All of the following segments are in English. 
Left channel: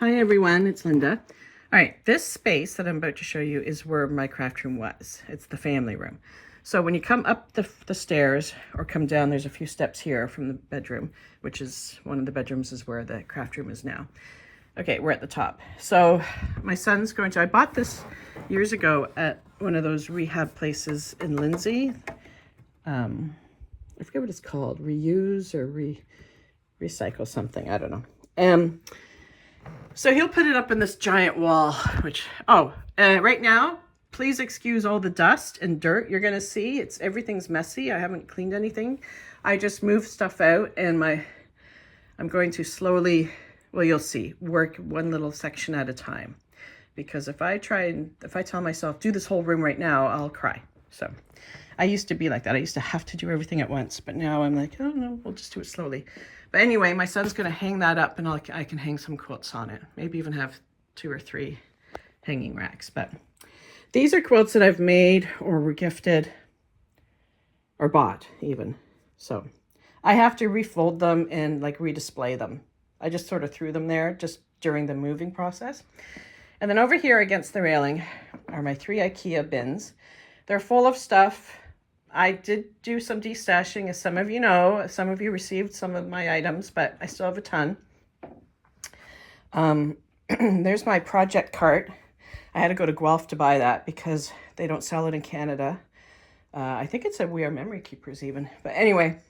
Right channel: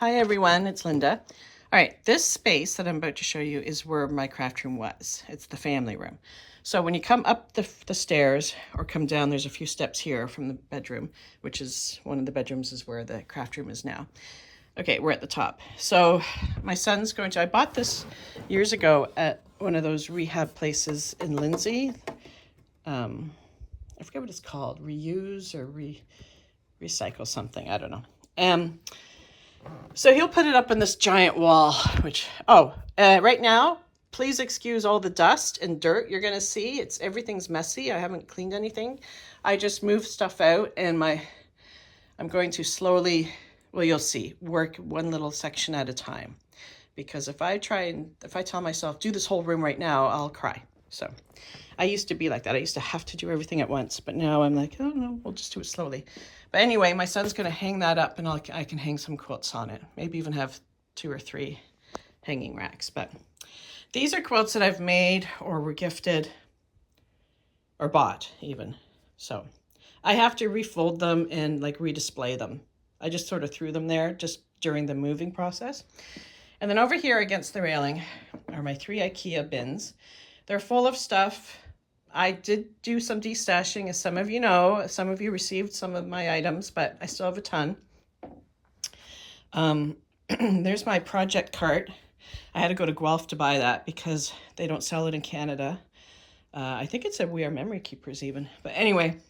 Hi everyone, it's Linda. All right, this space that I'm about to show you is where my craft room was. It's the family room. So when you come up the stairs or come down, there's a few steps here from the bedroom, which is one of the bedrooms is where the craft room is now. Okay, we're at the top. So my son's going to, I bought this years ago at one of those rehab places in Lindsay. I forget what it's called, reuse or recycle something, I don't know. So he'll put it up on this giant wall, which, right now, please excuse all the dust and dirt you're going to see. Everything's messy. I haven't cleaned anything. I just moved stuff out and I'm going to slowly, well, you'll see, work one little section at a time. Because if I tell myself, do this whole room right now, I'll cry. So I used to be like that. I used to have to do everything at once, but now I'm like, oh no, we'll just do it slowly. But anyway, my son's going to hang that up and I can hang some quilts on it. Maybe even have 2 or 3 hanging racks. But these are quilts that I've made or were gifted or bought even. So I have to refold them and like redisplay them. I just sort of threw them there just during the moving process. And then over here against the railing are my 3 IKEA bins. They're full of stuff. I did do some destashing, as some of you know. Some of you received some of my items, but I still have a ton. There's my project cart. I had to go to Guelph to buy that because they don't sell it in Canada. I think it said We Are Memory Keepers even. But anyway,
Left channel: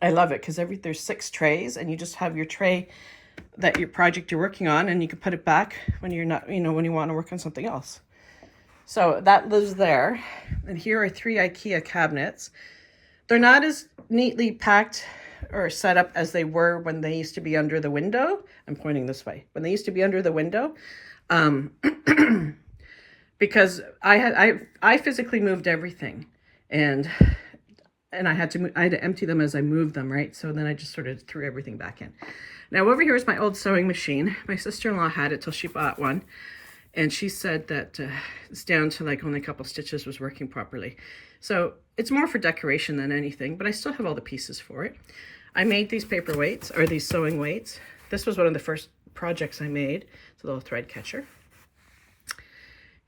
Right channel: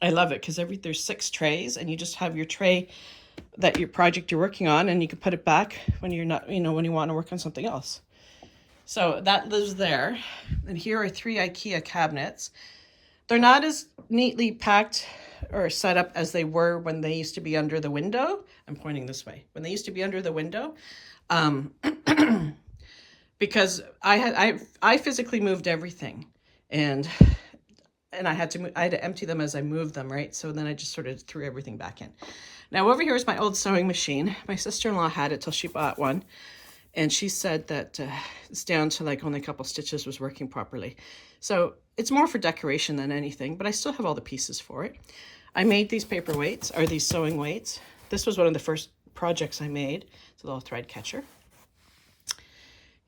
I love it because there's 6 trays and you just have your tray that your project you're working on and you can put it back when you're not, when you want to work on something else. So that lives there. And here are 3 IKEA cabinets. They're not as neatly packed or set up as they were when they used to be under the window. I'm pointing this way. When they used to be under the window. Because I physically moved everything. And I had to empty them as I moved them, right? So then I just sort of threw everything back in. Now over here is my old sewing machine. My sister-in-law had it till she bought one. And she said that it's down to like only a couple stitches was working properly. So it's more for decoration than anything, but I still have all the pieces for it. I made these paper weights, or these sewing weights. This was one of the first projects I made. It's a little thread catcher.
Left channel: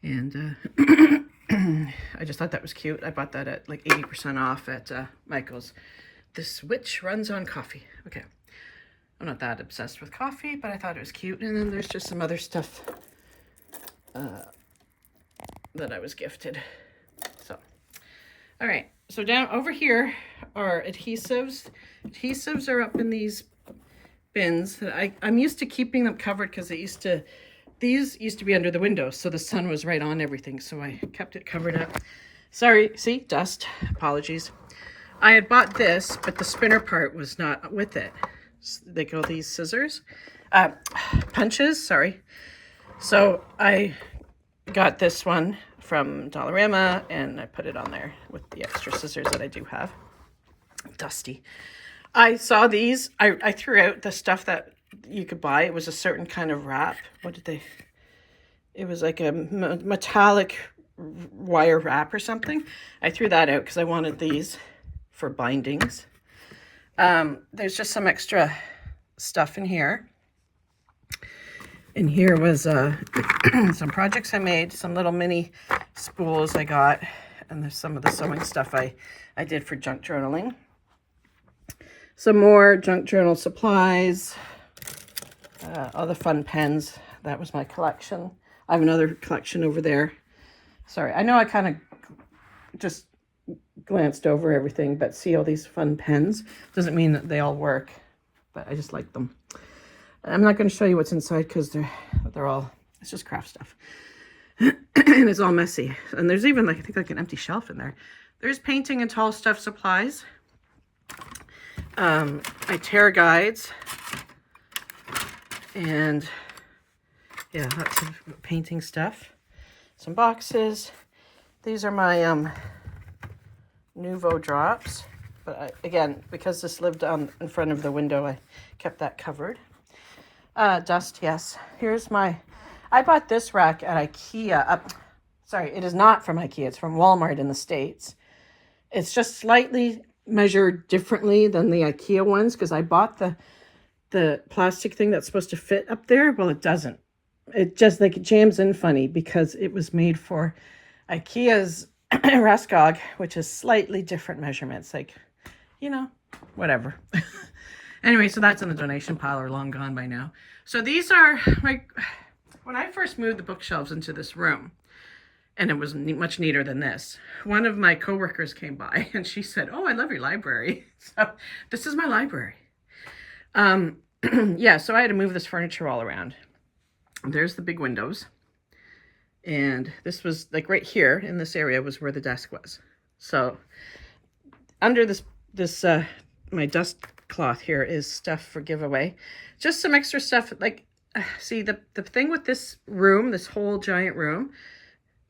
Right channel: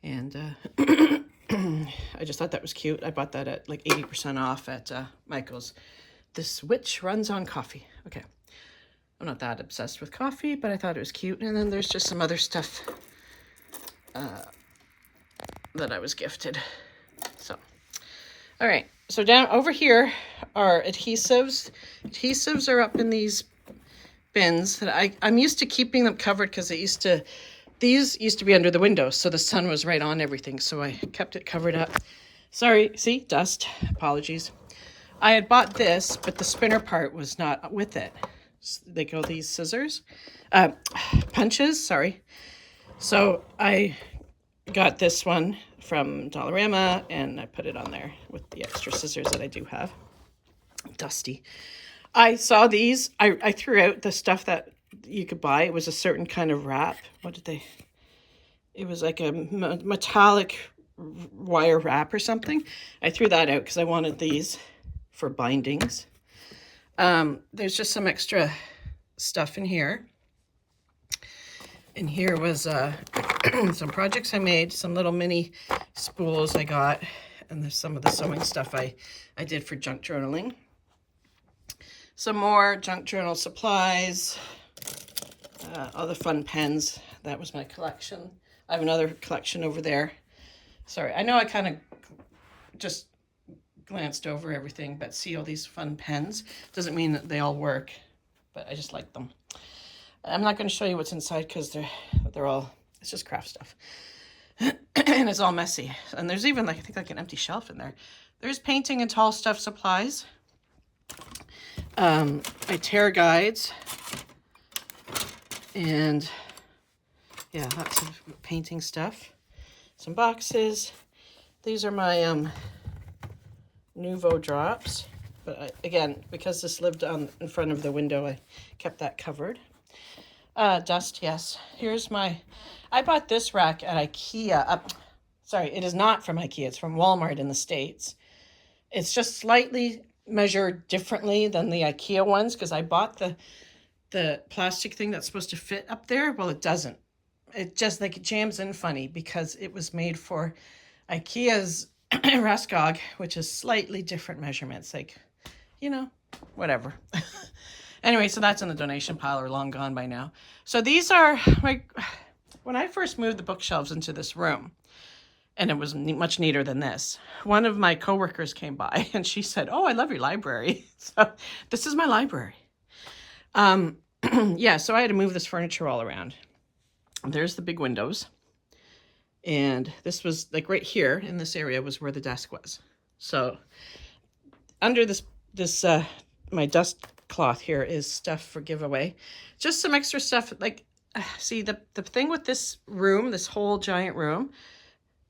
And I just thought that was cute. I bought that at like 80% off at Michael's. This witch runs on coffee. Okay. I'm not that obsessed with coffee, but I thought it was cute. And then there's just some other stuff that I was gifted. So, all right. So down over here are adhesives. Adhesives are up in these bins that I'm used to keeping them covered because these used to be under the window, so the sun was right on everything. So I kept it covered up. Sorry, see, dust. Apologies. I had bought this, but the spinner part was not with it. They go these scissors, punches. Sorry. So I got this one from Dollarama and I put it on there with the extra scissors that I do have. Dusty. I saw these. I threw out the stuff that you could buy. It was a certain kind of wrap. It was like a metallic wire wrap or something. I threw that out because I wanted these for bindings. There's just some extra stuff in here. And here was some projects I made, some little mini spools I got, and there's some of the sewing stuff I did for junk journaling. Some more junk journal supplies, all the fun pens. That was my collection. I have another collection over there. Sorry, I know I kind of just glanced over everything, but see all these fun pens. Doesn't mean that they all work, but I just like them. I'm not going to show you what's inside because they're all, it's just craft stuff. And it's all messy. And there's even I think like an empty shelf in there. There's painting and tall stuff supplies. My tear guides. And yeah, lots of painting stuff. Some boxes. These are my Nuvo drops. But again, because this lived in front of the window, I kept that covered. Dust, yes. Here's I bought this rack at IKEA. Sorry, it is not from IKEA. It's from Walmart in the States. It's just slightly measured differently than the IKEA ones because I bought the plastic thing that's supposed to fit up there, well, it doesn't. It just like it jams in funny because it was made for IKEA's Raskog, which is slightly different measurements, like, you know, whatever. Anyway, so that's in the donation pile or long gone by now. So these are like, when I first moved the bookshelves into this room, and it was much neater than this, one of my coworkers came by and she said, "Oh, I love your library." So this is my library. Yeah, so I had to move this furniture all around. There's the big windows. And this was like right here in this area was where the desk was. So under this my dust cloth here is stuff for giveaway. Just some extra stuff. Like, see, the thing with this room, this whole giant room,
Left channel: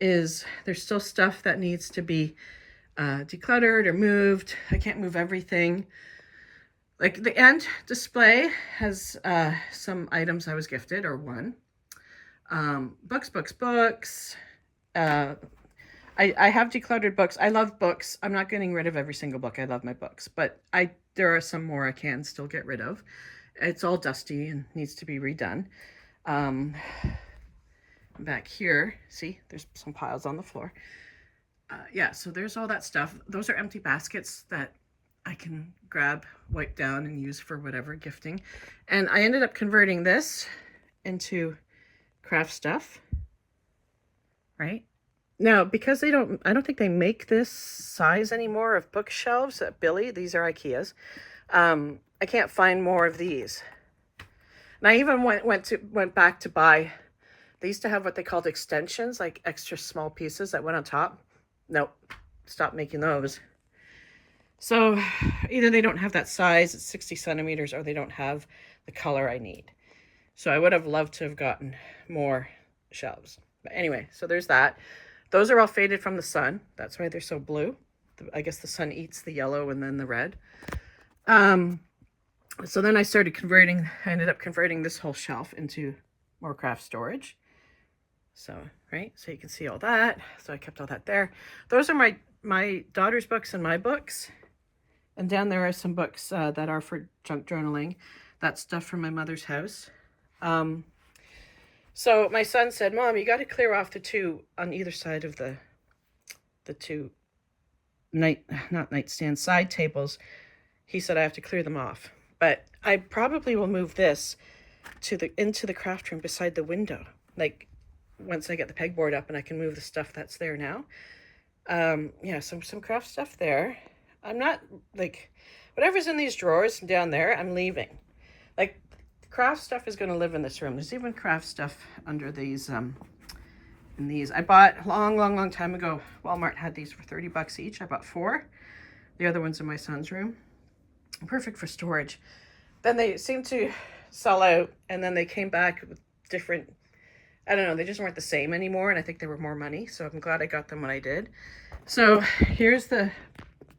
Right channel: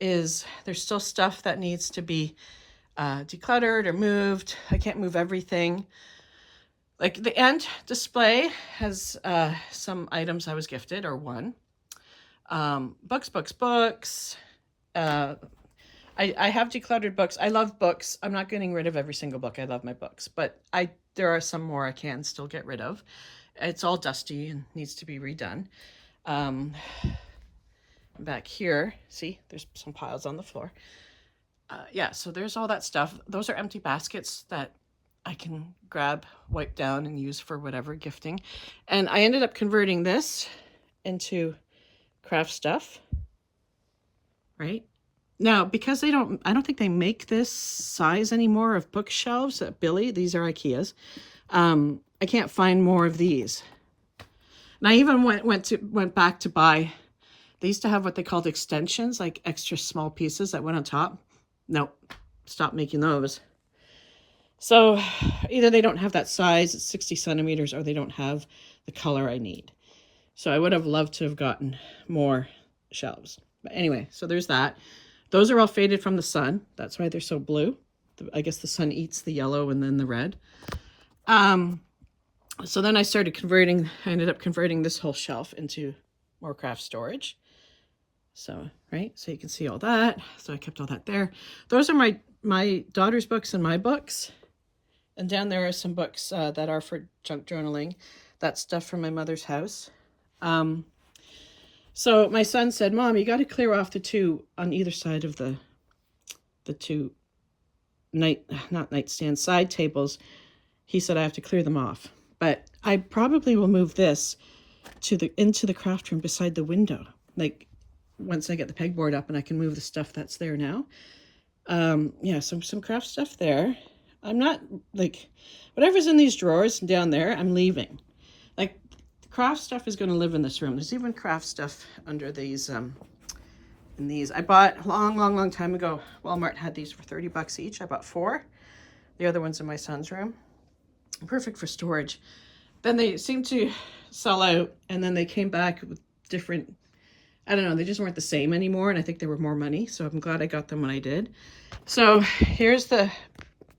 is there's still stuff that needs to be decluttered or moved. I can't move everything. Like the end display has some items I was gifted or won. Books. I have decluttered books. I love books. I'm not getting rid of every single book. I love my books, but there are some more I can still get rid of. It's all dusty and needs to be redone. Back here, see, there's some piles on the floor. Yeah, so there's all that stuff. Those are empty baskets that I can grab, wipe down, and use for whatever gifting. And I ended up converting this into craft stuff, right? Now, because I don't think they make this size anymore of bookshelves at Billy. These are IKEA's. I can't find more of these. And I even went back to buy. They used to have what they called extensions, like extra small pieces that went on top. Nope, stopped making those. So either they don't have that size, it's 60 centimeters, or they don't have the color I need. So I would have loved to have gotten more shelves. But anyway, so there's that. Those are all faded from the sun. That's why they're so blue. I guess the sun eats the yellow and then the red. So then I ended up converting this whole shelf into more craft storage. So, right, so you can see all that. So I kept all that there. Those are my daughter's books and my books. And down there are some books that are for junk journaling. That's stuff from my mother's house. So my son said, "Mom, you got to clear off the two on either side of the two not nightstand, side tables." He said I have to clear them off. But I probably will move this into the craft room beside the window. Like once I get the pegboard up and I can move the stuff that's there now. Yeah, some craft stuff there. I'm not like whatever's in these drawers down there, I'm leaving. Like craft stuff is going to live in this room. There's even craft stuff under these in these. I bought a long time ago. Walmart had these for 30 bucks each. I bought 4. The other one's in my son's room. Perfect for storage. Then they seemed to sell out, and then they came back with different, I don't know, they just weren't the same anymore, and I think they were more money, so I'm glad I got them when I did. So here's the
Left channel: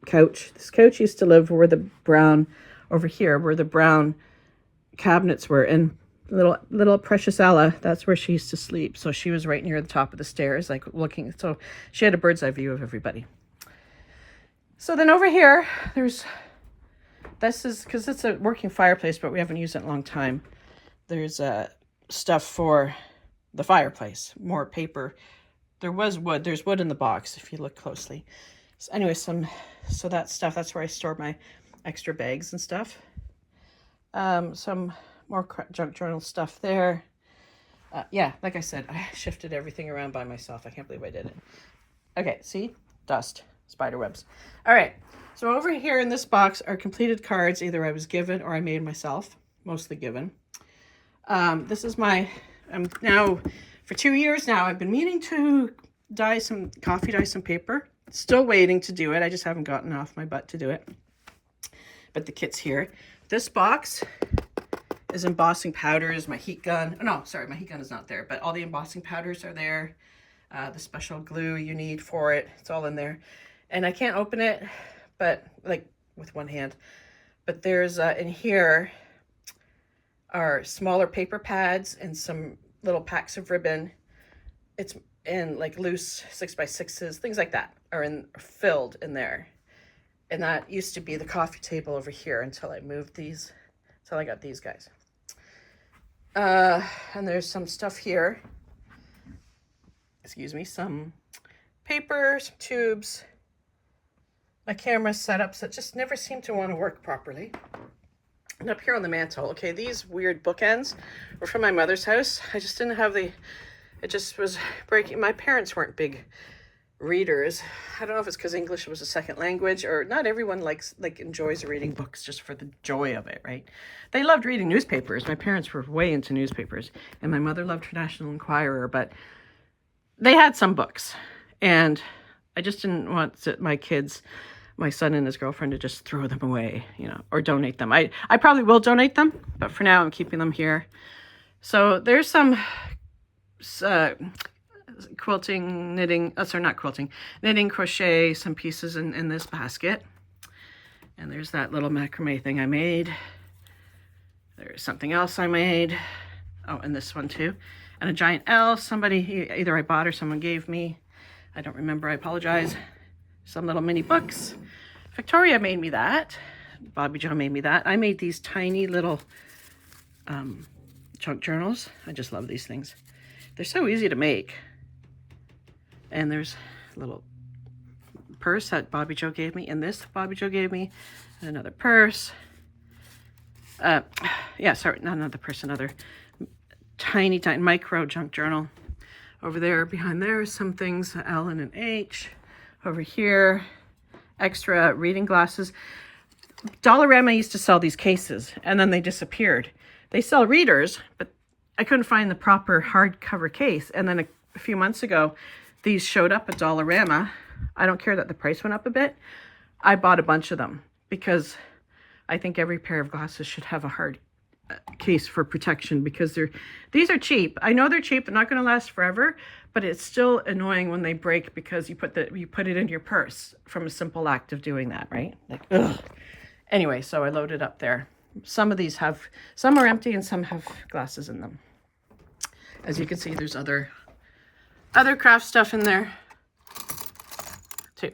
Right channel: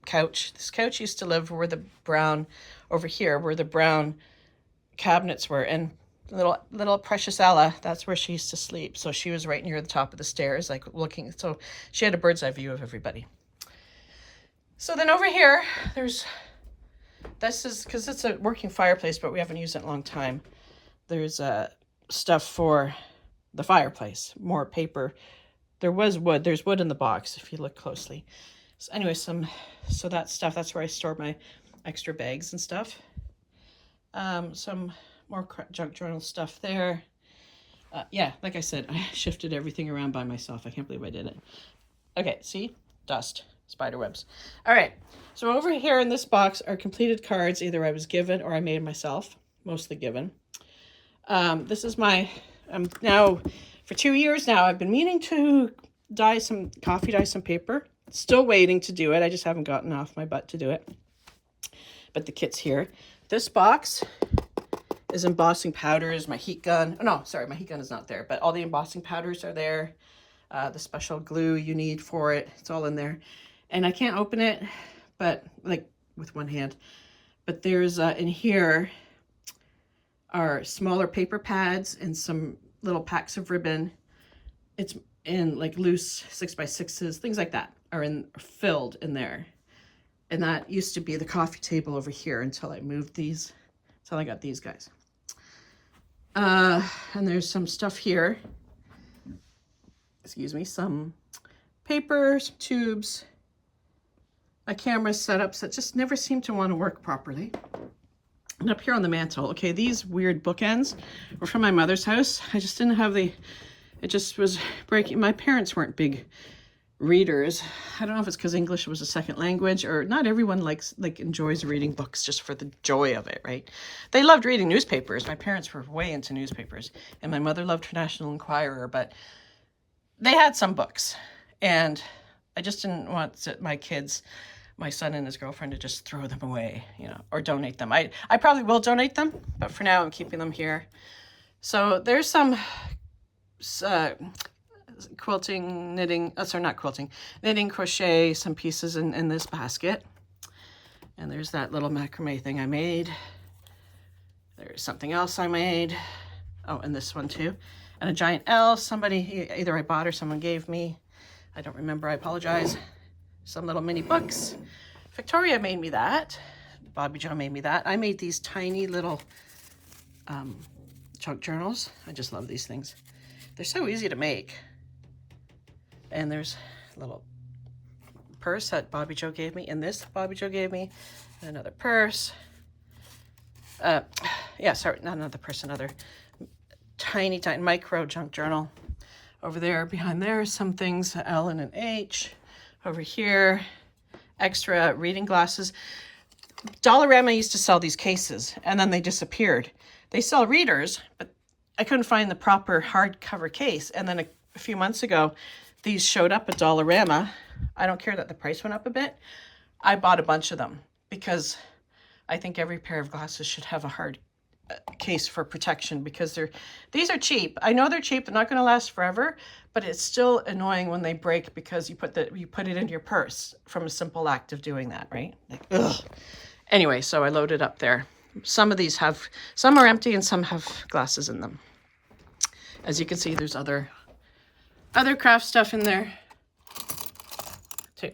couch. This couch used to live where the brown, over here, where the brown cabinets were, and little precious Ella, that's where she used to sleep. So she was right near the top of the stairs, like looking, so she had a bird's eye view of everybody. So then over here, this is, because it's a working fireplace, but we haven't used it in a long time. There's stuff for the fireplace, more paper. There was wood. There's wood in the box if you look closely. So anyway, so that stuff, that's where I store my extra bags and stuff. Some more junk journal stuff there. Yeah, like I said, I shifted everything around by myself. I can't believe I did it. Okay, see? Dust. Spider webs. All right, so over here in this box are completed cards. Either I was given or I made myself, mostly given. This is now, for 2 years now, I've been meaning to coffee dye some paper. Still waiting to do it. I just haven't gotten off my butt to do it. But the kit's here. This box is embossing powders, my heat gun. Oh, no, sorry, my heat gun is not there, but all the embossing powders are there. The special glue you need for it, it's all in there. And I can't open it, but like with one hand. But there's in here are smaller paper pads and some little packs of ribbon. It's in like loose 6x6s, things like that are filled in there. And that used to be the coffee table over here until I moved these, until I got these guys. And there's some stuff here. Excuse me, some paper, some tubes. My camera's set up so it just never seemed to want to work properly. And up here on the mantle, okay, these weird bookends were from my mother's house. I just didn't have it just was breaking. My parents weren't big readers. I don't know if it's because English was a second language, or not everyone enjoys reading books just for the joy of it, right? They loved reading newspapers. My parents were way into newspapers, and my mother loved National Enquirer, but they had some books, and I just didn't want my kids, my son and his girlfriend, to just throw them away, you know, or donate them. I probably will donate them, but for now I'm keeping them here. So there's some quilting, knitting, not quilting, knitting, crochet, some pieces in this basket. And there's that little macrame thing I made. There's something else I made. Oh, and this one too. And a giant L, somebody, either I bought or someone gave me. I don't remember, I apologize. Some little mini books. Victoria made me that. Bobby Joe made me that. I made these tiny little junk journals. I just love these things. They're so easy to make. And there's a little purse that Bobby Joe gave me, and this Bobby Joe gave me, and another purse. Yeah, sorry, not another purse, another tiny micro junk journal. Over there, behind there, are some things, L and an H. Over here, extra reading glasses. Dollarama used to sell these cases, and then they disappeared. They sell readers, but I couldn't find the proper hardcover case. And then a few months ago, these showed up at Dollarama. I don't care that the price went up a bit. I bought a bunch of them because I think every pair of glasses should have a hard case for protection, because these are cheap. I know they're cheap. They're not going to last forever, but it's still annoying when they break because you put it in your purse from a simple act of doing that, right? Like, ugh. Anyway, so I loaded up there. Some of these some are empty and some have glasses in them. As you can see, there's other craft stuff in there too.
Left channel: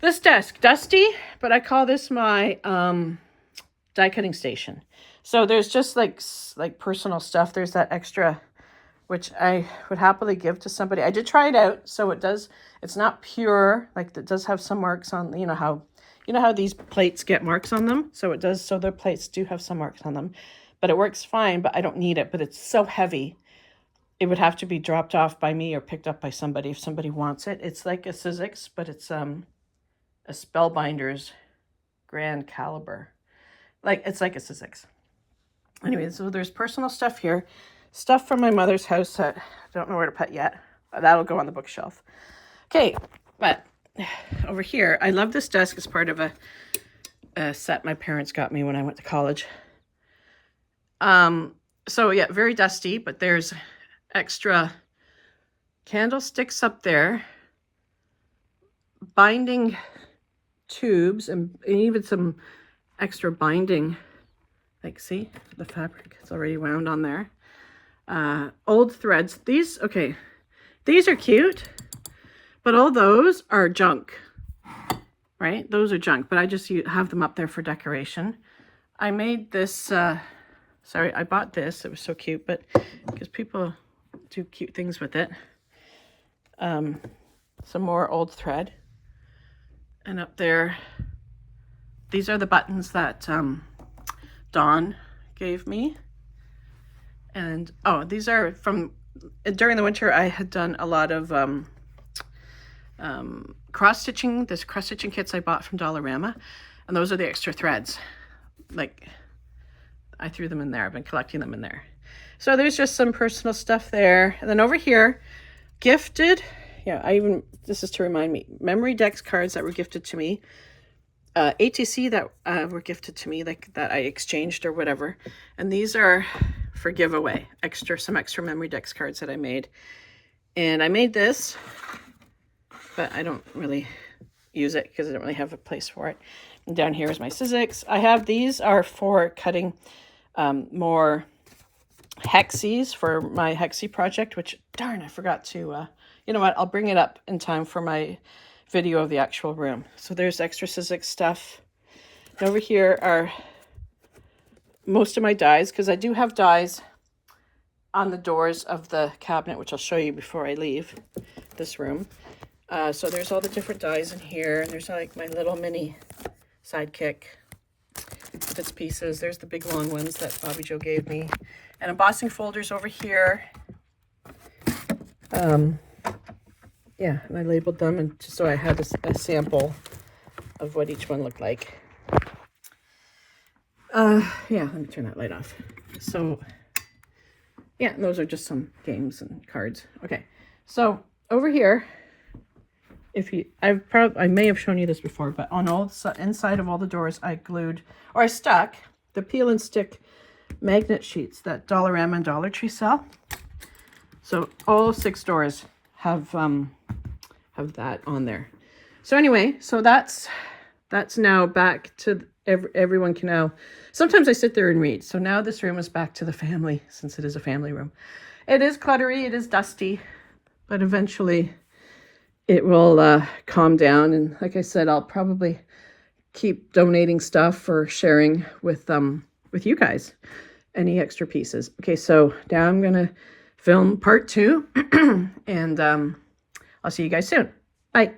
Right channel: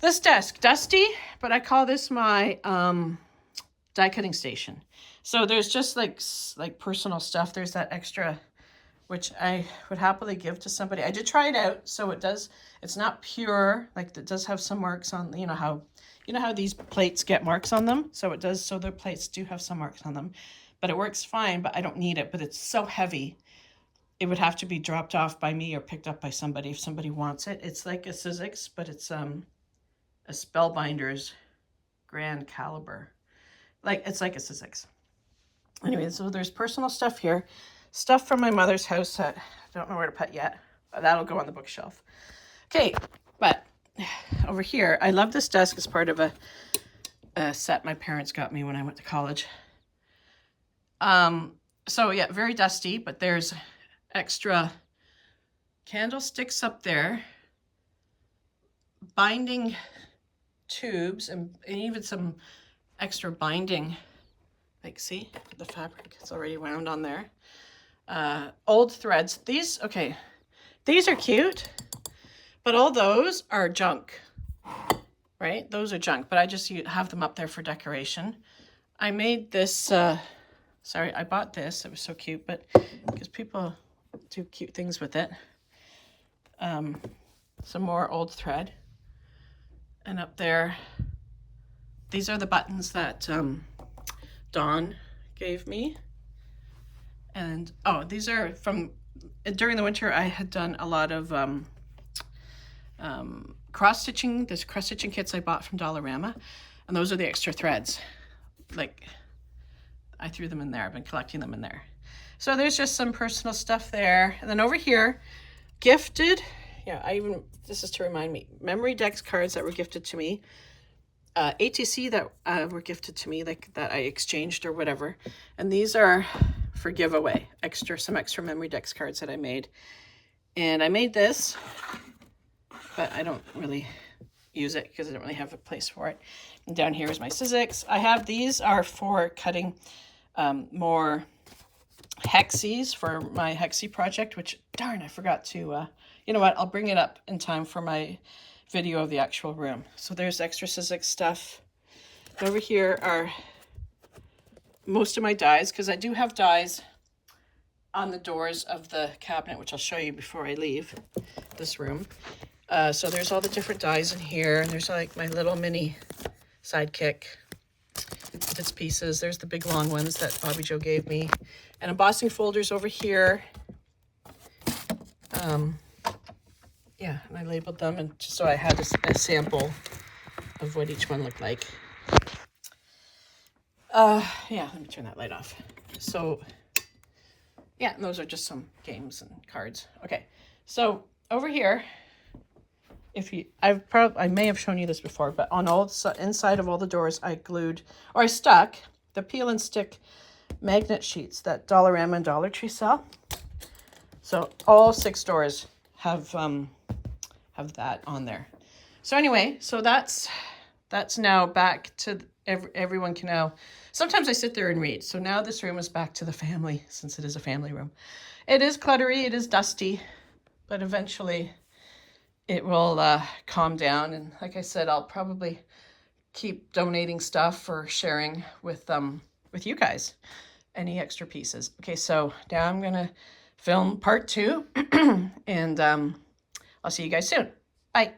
This desk, dusty, but I call this my die cutting station. So there's just like personal stuff. There's that extra, which I would happily give to somebody. I did try it out. So it's not pure, like it does have some marks on, you know how these plates get marks on them. So it does, so their plates do have some marks on them, but it works fine, but I don't need it, but it's so heavy. It would have to be dropped off by me or picked up by somebody if somebody wants it. It's like a Sizzix, but it's a Spellbinders Grand Caliber. It's like a Sizzix. Anyway, so there's personal stuff here. Stuff from my mother's house that I don't know where to put yet. That'll go on the bookshelf. Okay, but over here, I love this desk as part of a set my parents got me when I went to college. So yeah, very dusty, but there's extra candlesticks up there, binding tubes, and even some extra binding, like, see the fabric, it's already wound on there. Old threads. These are cute, but all those are junk, right? Those are junk, but I just have them up there for decoration. I made this, sorry, I bought this. It was so cute, but because people do cute things with it. Some more old thread. And up there, these are the buttons that Dawn gave me. And, oh, these are from, during the winter, I had done a lot of cross-stitching. There's cross-stitching kits I bought from Dollarama. And those are the extra threads. Like, I threw them in there. I've been collecting them in there. So there's just some personal stuff there. And then over here, gifted. Yeah, this is to remind me, memory decks cards that were gifted to me. ATC that were gifted to me, like that I exchanged or whatever. And these are for giveaway, some extra memory decks cards that I made. And I made this, but I don't really use it because I don't really have a place for it. And down here is my Sizzix. These are for cutting more hexes for my hexie project, which, darn, I forgot to, you know what, I'll bring it up in time for my video of the actual room. So there's extra Sizzix stuff. And over here are most of my dies, because I do have dies on the doors of the cabinet, which I'll show you before I leave this room. So there's all the different dies in here, and there's like my little mini Sidekick bits pieces. There's the big long ones that Bobbi Jo gave me, and embossing folders over here. Yeah, and I labeled them, and just so I had a sample of what each one looked like. Yeah, let me turn that light off. So yeah, and those are just some games and cards. Okay, so over here, I may have shown you this before, but on all inside of all the doors, I glued, or I stuck the peel and stick magnet sheets that Dollarama and Dollar Tree sell. So all 6 doors have that on there. So anyway, so that's now back to everyone can now. Sometimes I sit there and read. So now this room is back to the family, since it is a family room. It is cluttery, it is dusty, but eventually it will calm down. And like I said, I'll probably keep donating stuff or sharing with you guys any extra pieces. Okay, so now I'm gonna film part 2, and I'll see you guys soon. Bye.